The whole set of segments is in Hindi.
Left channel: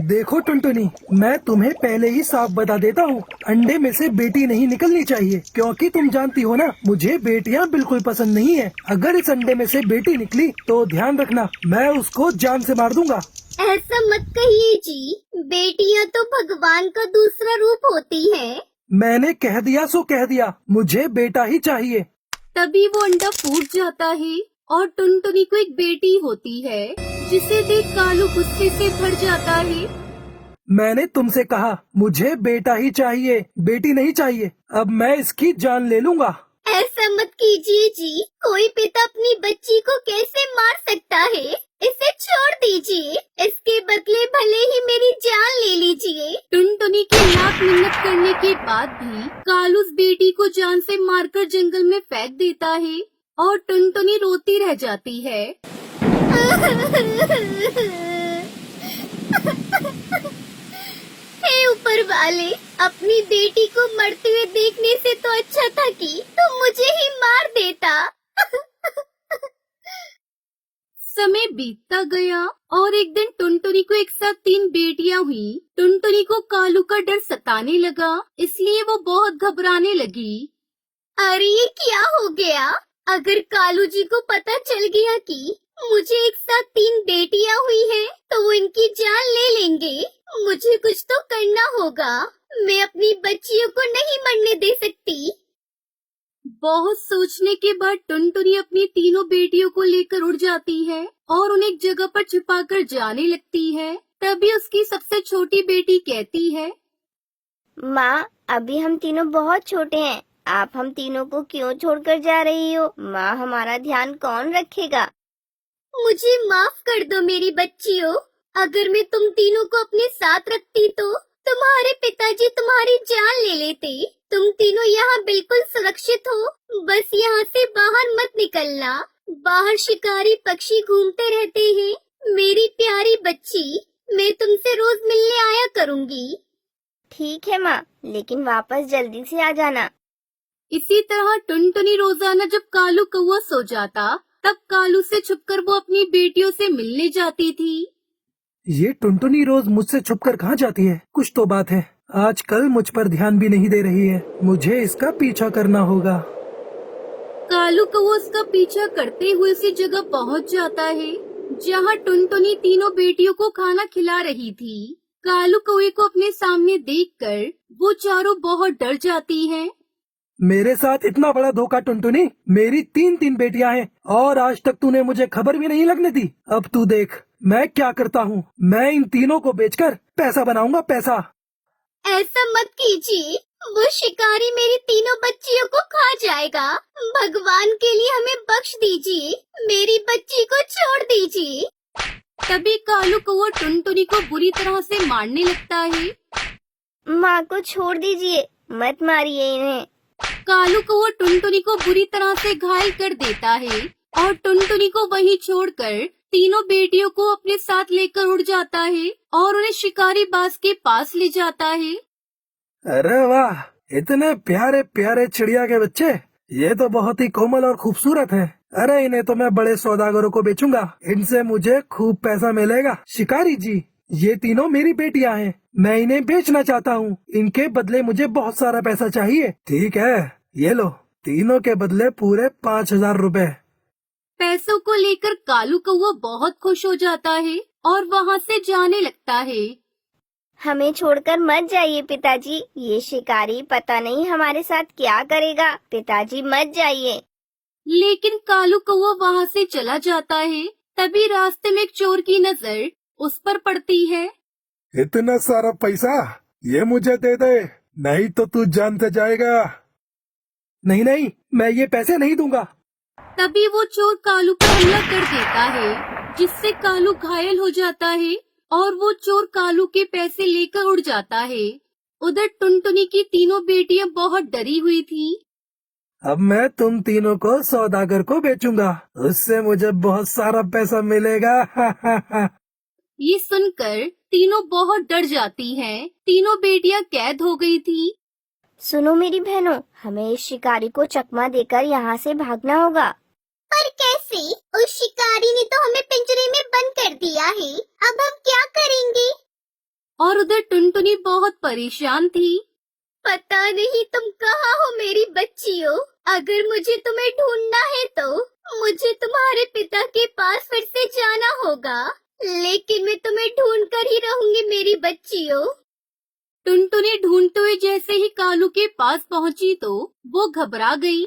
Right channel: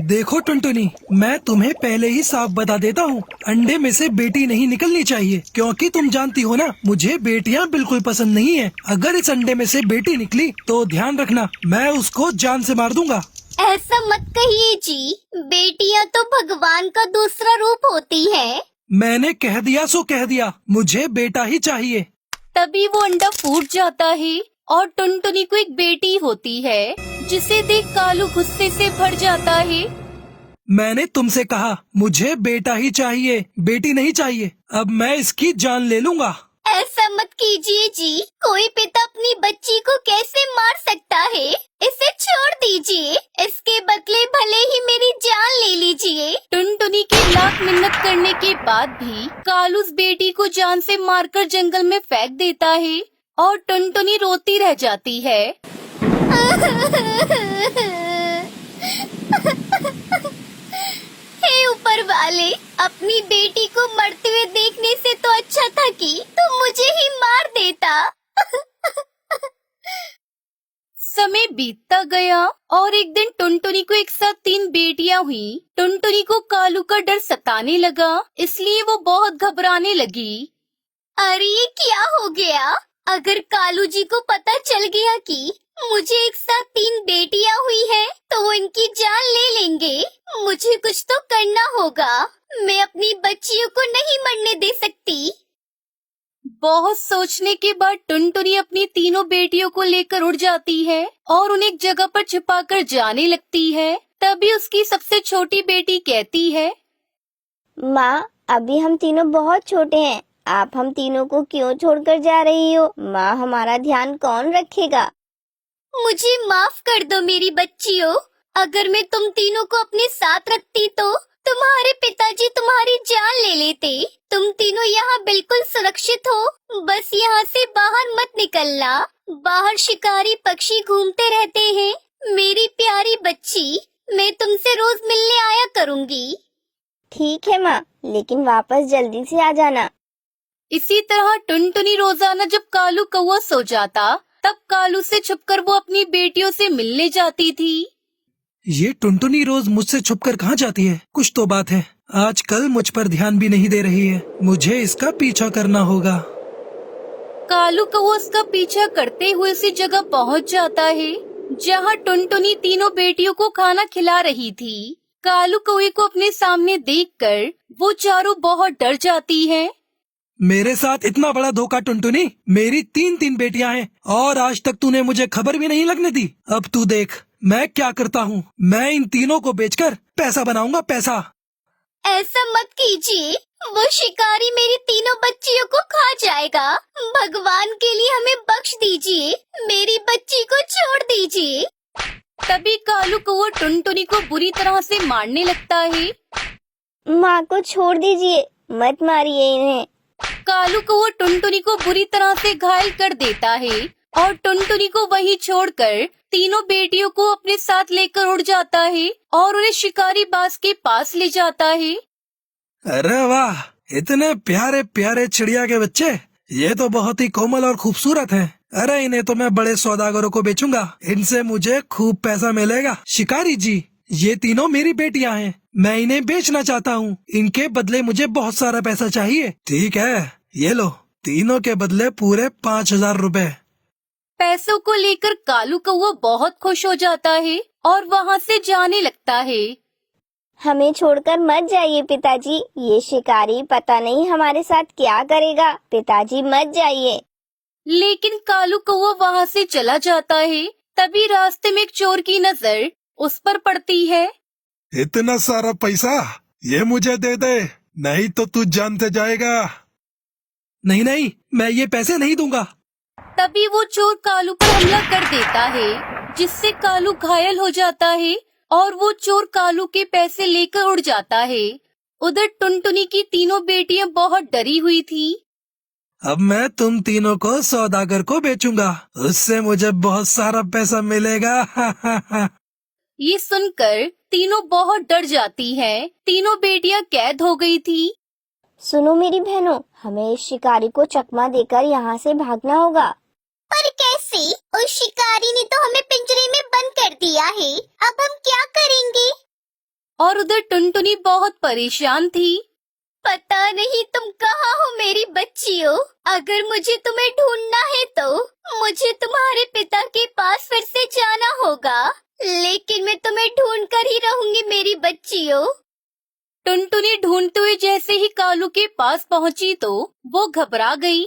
देखो टुनटुनी, मैं तुम्हें पहले ही साफ बता देता हूँ, अंडे में से बेटी नहीं निकलनी चाहिए, क्योंकि तुम जानती हो ना, मुझे बेटियाँ बिल्कुल पसंद नहीं है। अगर इस अंडे में से बेटी निकली तो ध्यान रखना, मैं उसको जान से मार दूंगा। ऐसा मत कहिए जी, बेटियां तो भगवान का दूसरा रूप होती है। मैंने कह दिया सो कह दिया, मुझे बेटा ही चाहिए। तभी वो अंडा फूट जाता है और टुनटुनी को एक बेटी होती है, जिसे देख कालू गुस्से से भर जाता है। मैंने तुमसे कहा मुझे बेटा ही चाहिए, बेटी नहीं चाहिए। अब मैं इसकी जान ले लूंगा। ऐसा मत कीजिए जी, कोई पिता अपनी बच्ची को कैसे मार सकता है? इसे छोड़ दीजिए, इसके बदले भले ही मेरी जान ले लीजिए। टुनटुनी के लाख मिन्नत करने के बाद भी कालू उस बेटी को जान से मारकर जंगल में फेंक देता है और टुनटुनी रोती रह जाती है। हे ऊपर वाले, अपनी बेटी को मरते हुए देखने से तो अच्छा था कि तुम मुझे ही मार देता। समय बीतता गया और एक दिन टुनटुनी को एक साथ 3 बेटियां हुई। टुनटुनी को कालू का डर सताने लगा, इसलिए वो बहुत घबराने लगी। अरे ये क्या हो गया? अगर कालू जी को पता चल गया कि मुझे एक साथ 3 बेटियां हुई हैं, तो वो इनकी जान ले लेंगे। मुझे कुछ तो करना होगा, मैं अपनी बच्चियों को नहीं मरने दे सकती। बहुत सोचने के बाद टुनटुनी अपनी तीनों बेटियों को लेकर उड़ जाती है और उन्हें एक जगह पर छिपाकर जाने लगती है। तभी उसकी सबसे छोटी बेटी कहती है, माँ, अभी हम तीनों बहुत छोटे हैं, आप हम तीनों को क्यों छोड़कर जा रही हो? माँ, हमारा ध्यान कौन रखेगा? मुझे माफ कर दो मेरी बच्चियों, अगर मैं तुम तीनों को अपने साथ रखती तो तुम्हारे पिताजी तुम्हारी जान ले लेते। तुम तीनों यहाँ बिल्कुल सुरक्षित हो, बस यहाँ से बाहर मत निकलना। बाहर शिकारी पक्षी घूमते रहते हैं। मेरी प्यारी बच्ची, मैं तुमसे रोज मिलने आया करूँगी। ठीक है माँ, लेकिन वापस जल्दी से आ जाना। इसी तरह टुनटुनी रोजाना जब कालू कौवा सो जाता, तब कालू से छुपकर वो अपनी बेटियों से मिलने जाती थी। ये टुनटुनी रोज मुझसे छुपकर कहाँ जाती है? कुछ तो बात है, आजकल मुझ पर ध्यान भी नहीं दे रही है। मुझे इसका पीछा करना होगा। कालू कौवा उसका पीछा करते हुए उसी जगह पहुंच जाता है जहां टुनटुनी तीनों बेटियों को खाना खिला रही थी। कालू कौवे को अपने सामने देखकर वो चारों बहुत डर जाती है। मेरे साथ इतना बड़ा धोखा टुनटुनी, मेरी 3 बेटियां हैं और आज तक तूने मुझे खबर भी नहीं लगने दी। अब तू देख मैं क्या करता हूँ, मैं इन तीनों को बेचकर पैसा बनाऊंगा, पैसा। ऐसा मत कीजिए, वो शिकारी मेरी तीनों बच्चियों को खा जाएगा। भगवान के लिए हमें बख्श दीजिए, मेरी बच्ची को छोड़ दीजिए। तभी कालू कौवा टुनटुनी को बुरी तरह से मारने लगता है। माँ को छोड़ दीजिए, मत मारिए इन्हें। कालू कौवा टुनटुनी को बुरी तरह से घायल कर देता है और टुनटुनी को वहीं छोड़कर तीनों बेटियों को अपने साथ लेकर उड़ जाता है और उन्हें शिकारी बाज के पास ले जाता है। अरे वाह, इतने प्यारे प्यारे चिड़िया के बच्चे, ये तो बहुत ही कोमल और खूबसूरत हैं। अरे इन्हें तो मैं बड़े सौदागरों को बेचूंगा, इनसे मुझे खूब पैसा मिलेगा। शिकारी जी, ये तीनों मेरी बेटियां हैं, मैं इन्हें बेचना चाहता हूँ। इनके बदले मुझे बहुत सारा पैसा चाहिए। ठीक है, ये लो, तीनों के बदले पूरे 5000 रुपए। पैसों को लेकर कालू कौवा बहुत खुश हो जाता है और वहाँ से जाने लगता है। हमें छोड़कर मत जाइए पिताजी, ये शिकारी पता नहीं हमारे साथ क्या करेगा। पिताजी मत जाइए। लेकिन कालू कौवा वहाँ से चला जाता है। तभी रास्ते में एक चोर की नजर उस पर पड़ती है। इतना सारा पैसा ये मुझे दे दे, नहीं तो तू जानते जाएगा। नहीं नहीं, मैं ये पैसे नहीं दूंगा। तभी वो चोर कालू पर हमला कर देता है, जिससे कालू घायल हो जाता है और वो चोर कालू के पैसे लेकर उड़ जाता है। उधर टुनटुनी की तीनों बेटियां बहुत डरी हुई थी। अब मैं तुम तीनों को सौदागर को बेचूंगा, उससे मुझे बहुत सारा पैसा मिलेगा। ये सुनकर तीनों बहुत डर जाती हैं। तीनों बेटियां कैद हो गई थी। सुनो मेरी बहनों, हमें इस शिकारी को चकमा देकर यहाँ से भागना होगा। पर कैसे? उस शिकारी ने तो हमें पिंजरे में बंद कर दिया है, अब हम क्या करेंगे? और उधर टुनटुनी बहुत परेशान थी। पता नहीं तुम कहाँ हो मेरी बच्चियों। अगर मुझे तुम्हें ढूंढना है तो मुझे तुम्हारे पिता के पास फिर से जाना होगा, लेकिन मैं तुम्हें ढूंढ कर ही रहूंगी मेरी बच्चियों। टुनटुनी ढूंढते हुए जैसे ही कालू के पास पहुंची तो वो घबरा गई।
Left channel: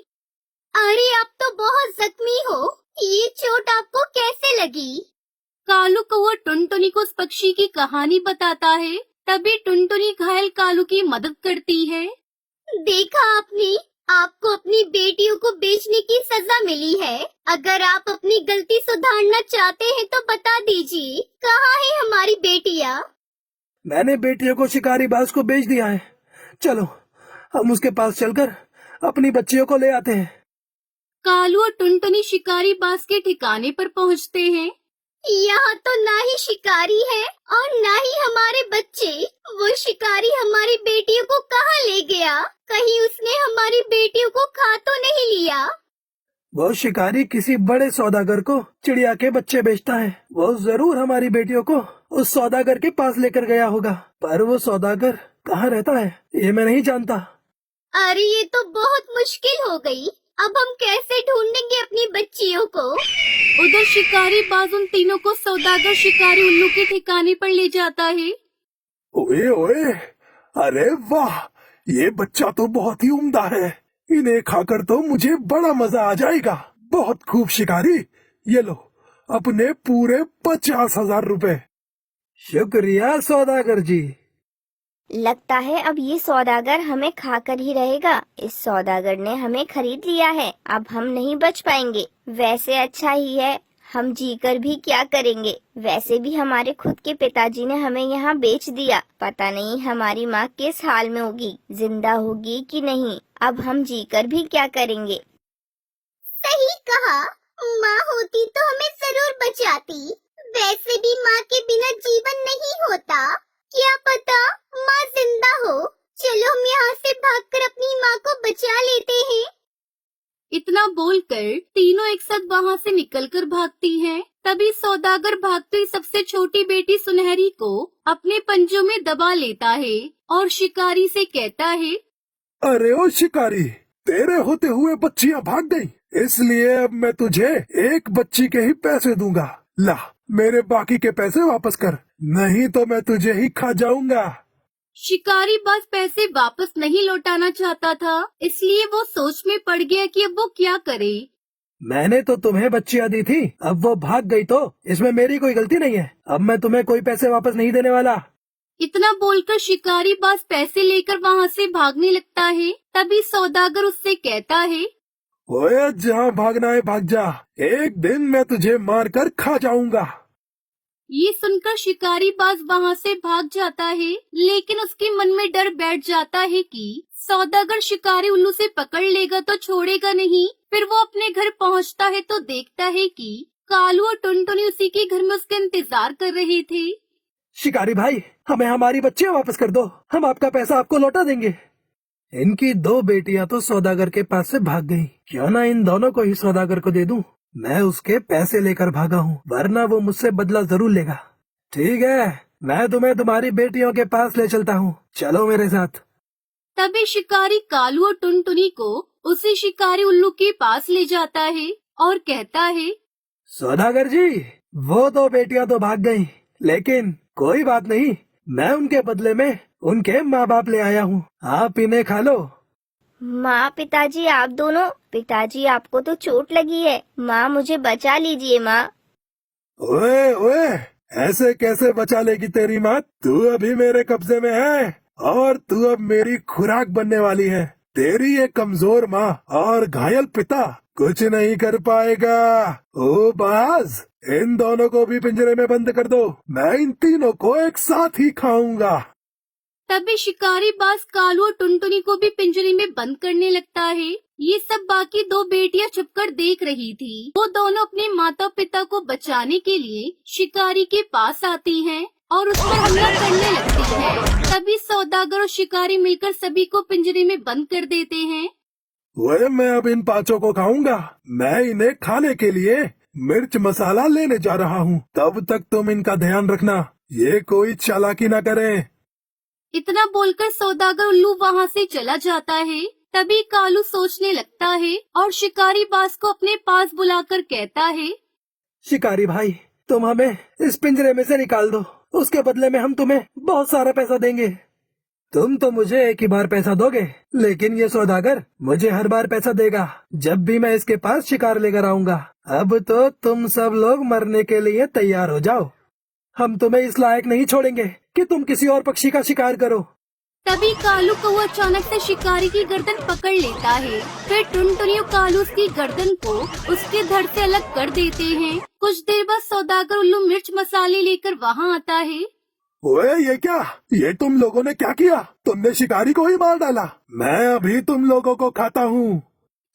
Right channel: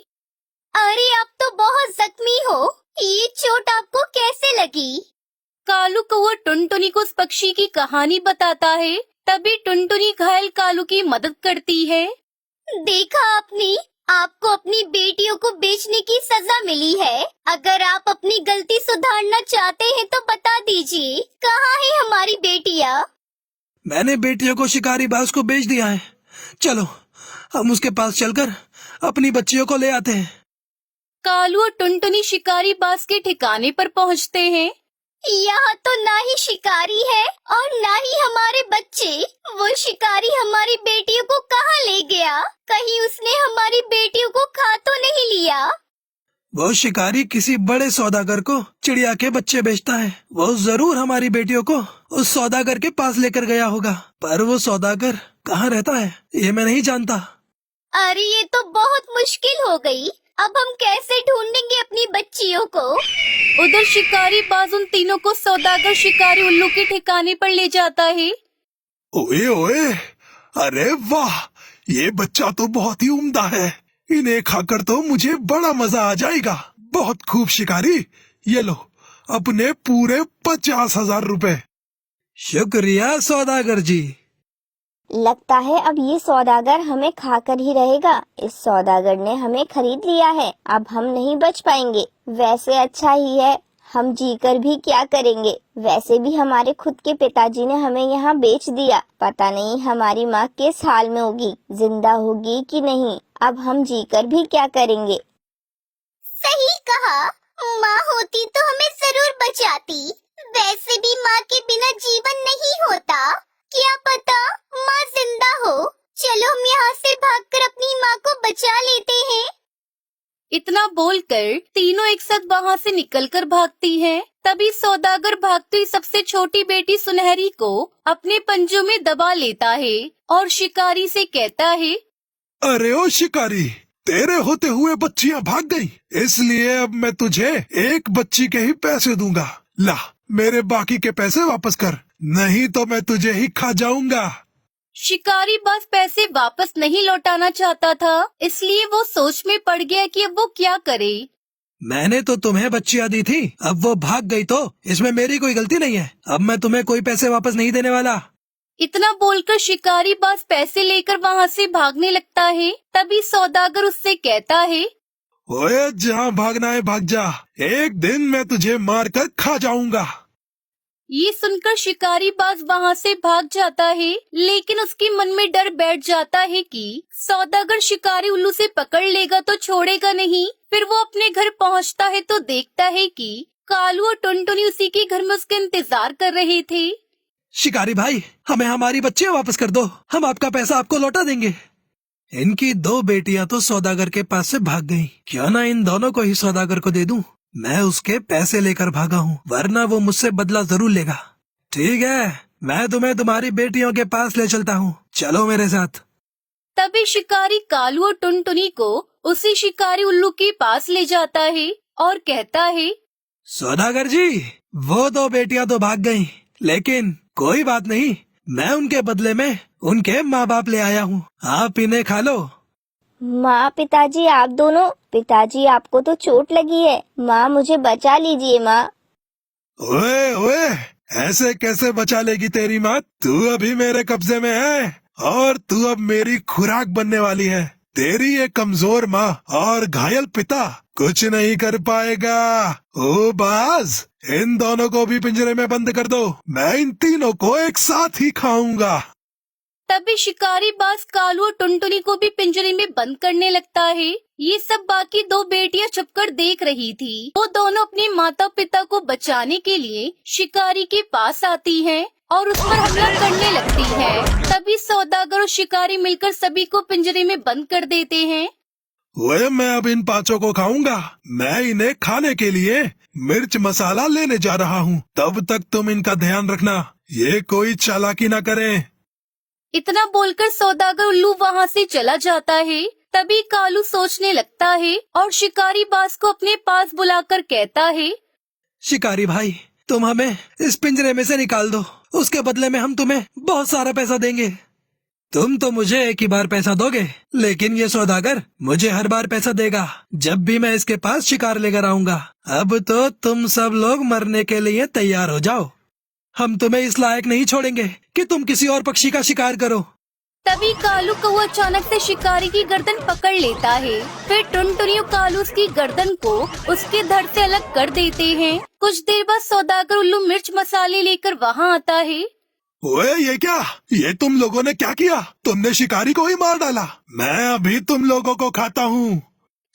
अरे आप तो बहुत जख्मी हो, ये चोट आपको कैसे लगी? कालू कौवा टुनटुनी को उस पक्षी की कहानी बताता है। तभी टुनटुनी घायल कालू की मदद करती है। देखा आपने, आपको अपनी बेटियों को बेचने की सजा मिली है। अगर आप अपनी गलती सुधारना चाहते हैं तो बता दीजिए, कहाँ है हमारी बेटियाँ? मैंने बेटियों को शिकारी बाज को बेच दिया है। चलो हम उसके पास चलकर अपनी बच्चियों को ले आते हैं। कालू और टुनटुनी शिकारी बाज के ठिकाने पर पहुंचते हैं। यहाँ तो ना ही शिकारी है और ना ही हमारे बच्चे। वो शिकारी हमारी बेटियों को कहाँ ले गया? कहीं उसने हमारी बेटियों को खा तो नहीं लिया? वो शिकारी किसी बड़े सौदागर को चिड़िया के बच्चे बेचता है। वो जरूर हमारी बेटियों को उस सौदागर के पास लेकर गया होगा, पर वो सौदागर कहाँ रहता है ये मैं नहीं जानता। अरे ये तो बहुत मुश्किल हो गई। अब हम कैसे ढूंढेंगे अपनी बच्चियों को? उधर शिकारी बाज उन तीनों को सौदागर शिकारी उल्लू के ठिकाने पर ले जाता है। ओए ओए, अरे वाह, ये बच्चा तो बहुत ही उम्दा है। इन्हें खाकर तो मुझे बड़ा मजा आ जाएगा। बहुत खूब शिकारी, ये लो अपने पूरे 50,000 रुपए। शुक्रिया सौदागर जी। लगता है अब ये सौदागर हमें खाकर ही रहेगा। इस सौदागर ने हमें खरीद लिया है, अब हम नहीं बच पाएंगे। वैसे अच्छा ही है, हम जीकर भी क्या करेंगे। वैसे भी हमारे खुद के पिताजी ने हमें यहाँ बेच दिया। पता नहीं हमारी माँ किस हाल में होगी, जिंदा होगी कि नहीं। अब हम जीकर भी क्या करेंगे। सही कहा, माँ होती तो हमें जरूर बचाती। वैसे भी माँ के बिना जीवन नहीं होता। क्या पता माँ जिंदा हो। चलो हम यहाँ से भागकर अपनी माँ को बचा लेते हैं। इतना बोलकर तीनों एक साथ वहाँ से निकलकर भागती हैं। तभी सौदागर भागती हुई सबसे छोटी बेटी सुनहरी को अपने पंजों में दबा लेता है और शिकारी से कहता है, अरे ओ शिकारी, तेरे होते हुए बच्चियां भाग गई, इसलिए अब मैं तुझे एक बच्ची के ही पैसे दूंगा। ला मेरे बाकी के पैसे वापस कर, नहीं तो मैं तुझे ही खा जाऊंगा। शिकारी बाज पैसे वापस नहीं लौटाना चाहता था, इसलिए वो सोच में पड़ गया कि अब वो क्या करे। मैंने तो तुम्हें बच्चियां दी थी, अब वो भाग गई तो इसमें मेरी कोई गलती नहीं है। अब मैं तुम्हें कोई पैसे वापस नहीं देने वाला। इतना बोलकर शिकारी बाज पैसे लेकर वहाँ से भागने लगता है। तभी सौदागर उससे कहता है, ओए जहाँ भागना है भाग जा, एक दिन मैं तुझे मार कर खा जाऊंगा। ये सुनकर शिकारी बाज वहाँ से भाग जाता है, लेकिन उसके मन में डर बैठ जाता है कि सौदागर शिकारी उल्लू से पकड़ लेगा तो छोड़ेगा नहीं। फिर वो अपने घर पहुँचता है तो देखता है कि कालू और टुनटुनी उसी के घर में उसका इंतजार कर रहे थे। शिकारी भाई, हमें हमारी बच्चियां वापस कर दो, हम आपका पैसा आपको लौटा देंगे। इनकी दो बेटियां तो सौदागर के पास से भाग गईं। क्यों ना इन दोनों को ही सौदागर को दे दूं। मैं उसके पैसे लेकर भागा हूँ, वरना वो मुझसे बदला जरूर लेगा। ठीक है, मैं तुम्हें तुम्हारी बेटियों के पास ले चलता हूँ, चलो मेरे साथ। तभी शिकारी कालू और टुनटुनी को उसी शिकारी उल्लू के पास ले जाता है और कहता है, सौदागर जी, वो दो बेटियां तो भाग गईं, लेकिन कोई बात नहीं, मैं उनके बदले में उनके माँ बाप ले आया हूँ, आप इन्हें खा लो। माँ पिताजी आप दोनों, पिताजी आपको तो चोट लगी है, माँ मुझे बचा लीजिए माँ। ओए ओए, ऐसे कैसे बचा लेगी तेरी माँ? तू अभी मेरे कब्जे में है और तू अब मेरी खुराक बनने वाली है। तेरी ये कमजोर माँ और घायल पिता कुछ नहीं कर पाएगा। ओ बाज, इन दोनों को भी पिंजरे में बंद कर दो, मैं इन तीनों को एक साथ ही खाऊंगा। तभी शिकारी बाज कालू और टुनटुनी को भी पिंजरे में बंद करने लगता है। ये सब बाकी दो बेटियां छुपकर देख रही थी। वो दोनों अपने माता पिता को बचाने के लिए शिकारी के पास आती हैं और उस पर हमला करने लगती है। तभी सौदागर और शिकारी मिलकर सभी को पिंजरे में बंद कर देते हैं। ओए, मैं अब इन पांचों को खाऊंगा। मैं इन्हें खाने के लिए मिर्च मसाला लेने जा रहा हूँ। तब तक तुम इनका ध्यान रखना, ये कोई चालाकी ना करे। इतना बोलकर सौदागर उल्लू वहाँ से चला जाता है। तभी कालू सोचने लगता है और शिकारी बाज को अपने पास बुलाकर कहता है, शिकारी भाई, तुम हमें इस पिंजरे में से निकाल दो, उसके बदले में हम तुम्हें बहुत सारा पैसा देंगे। तुम तो मुझे एक ही बार पैसा दोगे, लेकिन ये सौदागर मुझे हर बार पैसा देगा जब भी मैं इसके पास शिकार लेकर आऊंगा। अब तो तुम सब लोग मरने के लिए तैयार हो जाओ। हम तुम्हें इस लायक नहीं छोड़ेंगे कि तुम किसी और पक्षी का शिकार करो। तभी कालू को अचानक से शिकारी की गर्दन पकड़ लेता है। फिर टुनटुनी और कालू उसकी गर्दन को उसके धड़ से अलग कर देते हैं। कुछ देर बाद सौदागर उल्लू मिर्च मसाले लेकर वहाँ आता है। ओए ये क्या? ये तुम लोगों ने क्या किया? तुमने शिकारी को ही मार डाला। मैं अभी तुम लोगों को खाता हूँ।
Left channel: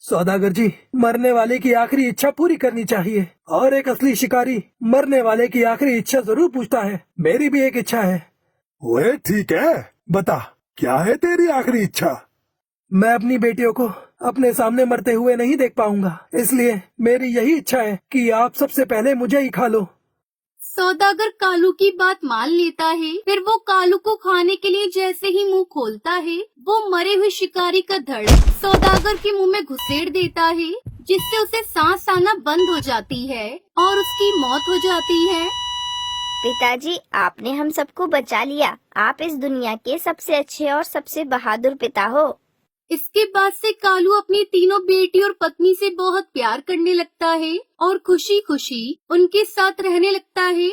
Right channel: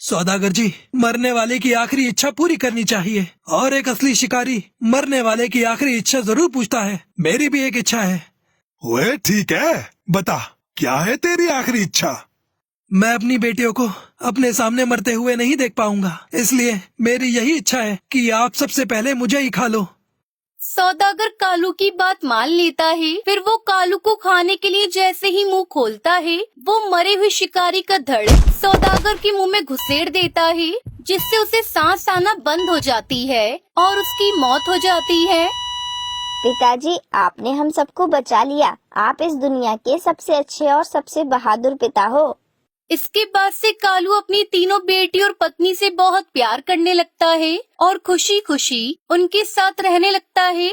सौदागर जी, मरने वाले की आखिरी इच्छा पूरी करनी चाहिए, और एक असली शिकारी मरने वाले की आखिरी इच्छा जरूर पूछता है। मेरी भी एक इच्छा है। ओए ठीक है, बता क्या है तेरी आखिरी इच्छा? मैं अपनी बेटियों को अपने सामने मरते हुए नहीं देख पाऊंगा, इसलिए मेरी यही इच्छा है कि आप सबसे पहले मुझे ही खा लो। सौदागर कालू की बात मान लेता है। फिर वो कालू को खाने के लिए जैसे ही मुंह खोलता है, वो मरे हुए शिकारी का धड़ सौदागर के मुंह में घुसेड़ देता है, जिससे उसे सांस आना बंद हो जाती है और उसकी मौत हो जाती है। पिताजी, आपने हम सबको बचा लिया। आप इस दुनिया के सबसे अच्छे और सबसे बहादुर पिता हो। इसके बाद से कालू अपनी तीनों बेटी और पत्नी से बहुत प्यार करने लगता है और खुशी खुशी उनके साथ रहने लगता है।